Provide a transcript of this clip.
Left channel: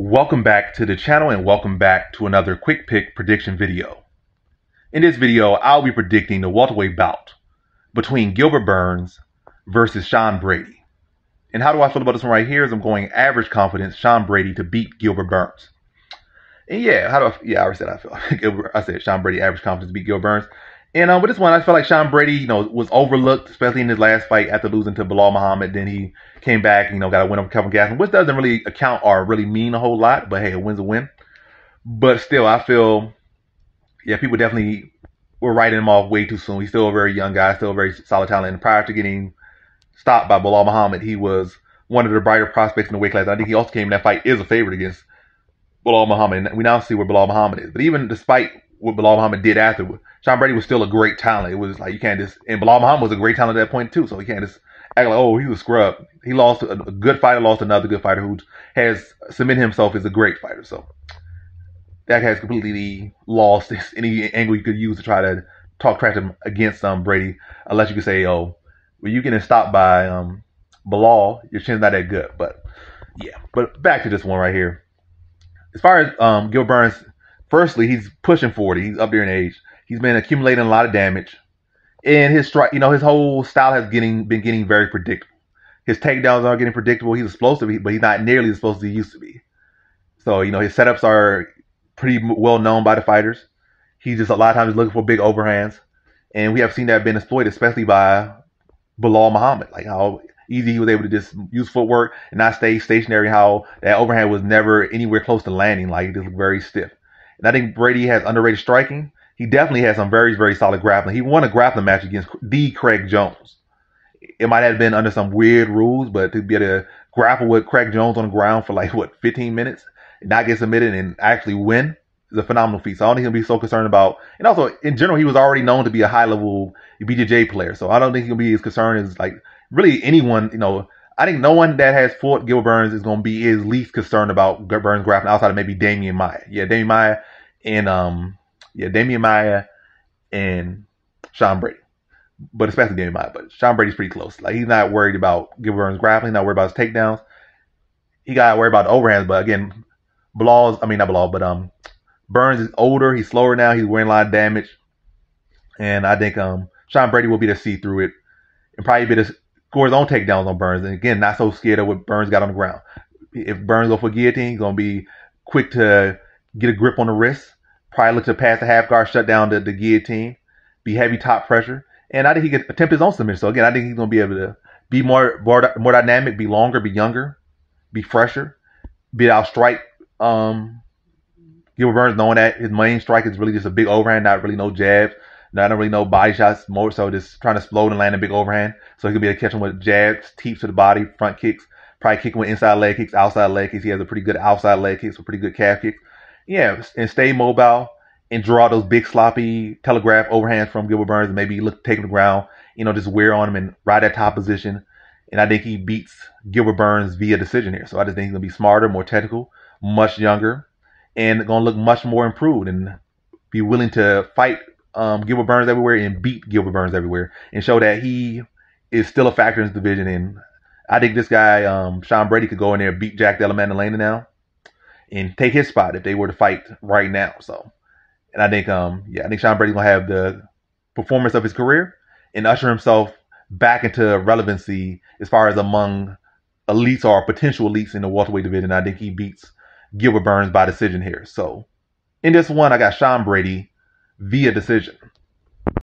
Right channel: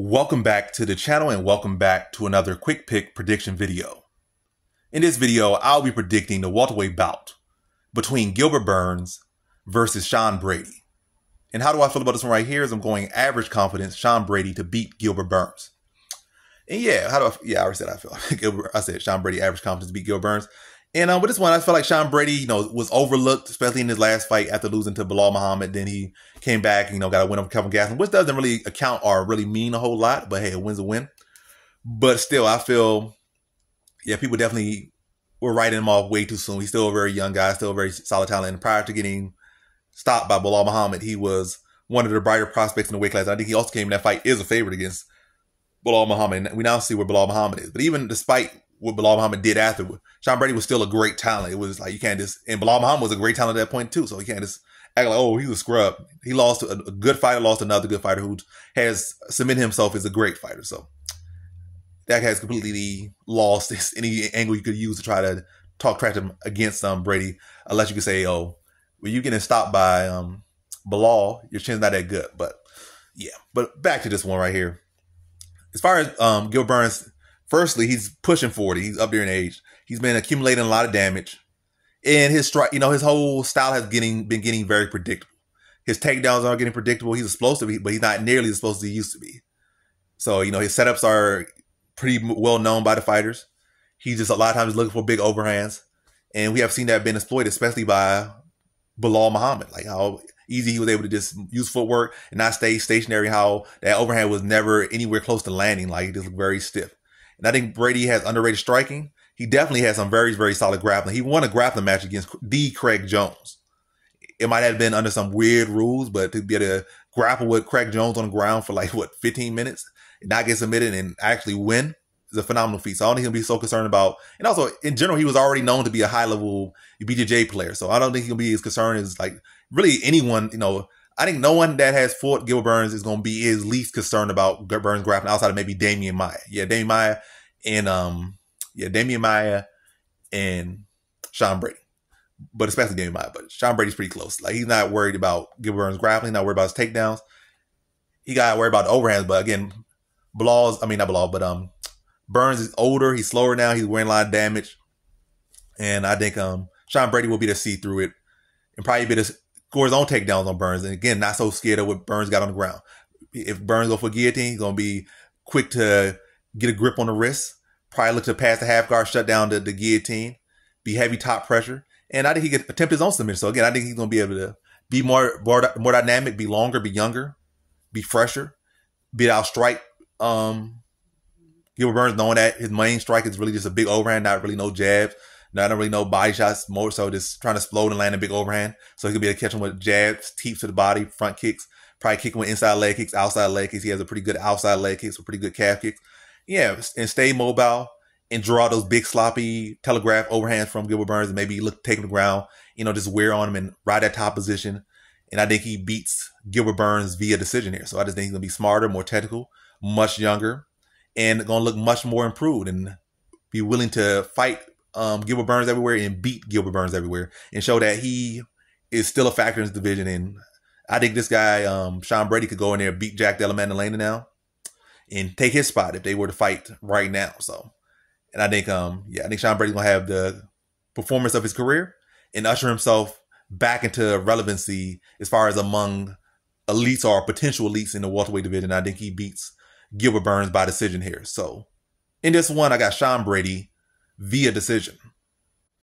Welcome back to the channel and welcome back to another quick pick prediction video. In this video, I'll be predicting the welterweight bout between Gilbert Burns versus Sean Brady. And how do I feel about this one right here is I'm going average confidence Sean Brady to beat Gilbert Burns. And yeah, I already said I feel. I said Sean Brady average confidence to beat Gilbert Burns. And with this one, I felt like Sean Brady, was overlooked, especially in his last fight after losing to Belal Muhammad. Then he came back, got a win over Kevin Gastelum, which doesn't really account or really mean a whole lot. But hey, a win's a win. But still, I feel, people definitely were writing him off way too soon. He's still a very young guy, still a very solid talent. And prior to getting stopped by Belal Muhammad, he was one of the brighter prospects in the weight class. And I think he also came in that fight is a favorite against Belal Muhammad. And we now see where Belal Muhammad is. But even despite what Belal Muhammad did afterward, Sean Brady was still a great talent. It was like, you can't just, and Belal Muhammad was a great talent at that point too, so you can't just act like, oh, he was a scrub. He lost a good fighter, lost another good fighter who has cemented himself as a great fighter. So that has completely lost any angle you could use to try to talk trash him against Brady, unless you could say, oh, when you getting stopped by Belal, your chin's not that good. But yeah, but back to this one right here. As far as Gilbert Burns, firstly, he's pushing 40. He's up there in age. He's been accumulating a lot of damage. And his strike, his whole style has been getting very predictable. His takedowns are getting predictable. He's explosive, but he's not nearly as explosive as he used to be. So, his setups are pretty well known by the fighters. He's just a lot of times looking for big overhands. And we have seen that being exploited, especially by Belal Muhammad. Like how easy he was able to just use footwork and not stay stationary, how that overhand was never anywhere close to landing. Like, it just very stiff. And I think Brady has underrated striking. He definitely has some very, very solid grappling. He won a grappling match against the Craig Jones. It might have been under some weird rules, but to be able to grapple with Craig Jones on the ground for 15 minutes and not get submitted and actually win is a phenomenal feat. So I don't think he'll be so concerned about, and also in general, he was already known to be a high level BJJ player. So I don't think he'll be as concerned as really anyone, I think no one that has fought Gilbert Burns is going to be his least concerned about Burns grappling outside of maybe Damian Maia. Yeah, Damian Maia and Sean Brady. But especially Damian Maia. But Sean Brady's pretty close. He's not worried about Gilbert Burns grappling. He's not worried about his takedowns. He got to worry about the overhands. But again, Burns is older. He's slower now. He's wearing a lot of damage. And I think Sean Brady will be able to see through it and probably be able to score his own takedowns on Burns. And again, not so scared of what Burns got on the ground. If Burns go for guillotine, he's going to be quick to get a grip on the wrist. Probably look to pass the half guard, shut down the guillotine, be heavy top pressure. And I think he can attempt his own submission. So again, I think he's going to be able to be more dynamic, be longer, be younger, be fresher, be able to outstrike Gilbert Burns, knowing that his main strike is really just a big overhand, not really no jabs, not really no body shots, more so just trying to explode and land a big overhand. So he can be able to catch him with jabs, teeps to the body, front kicks, probably kick him with inside leg kicks, outside leg kicks. He has a pretty good outside leg kicks with pretty good calf kicks. Yeah, and stay mobile and draw those big sloppy telegraph overhands from Gilbert Burns and maybe take him to the ground, just wear on him and ride that top position. And I think he beats Gilbert Burns via decision here. So I just think he's going to be smarter, more technical, much younger, and going to look much more improved and be willing to fight Gilbert Burns everywhere and beat Gilbert Burns everywhere and show that he is still a factor in this division. And I think this guy, Sean Brady, could go in there and beat Jack Della Maddalena now and take his spot if they were to fight right now. So, and I think, I think Sean Brady's going to have the performance of his career and usher himself back into relevancy as far as among elites or potential elites in the welterweight division. I think he beats Gilbert Burns by decision here. So, in this one, I got Sean Brady via decision.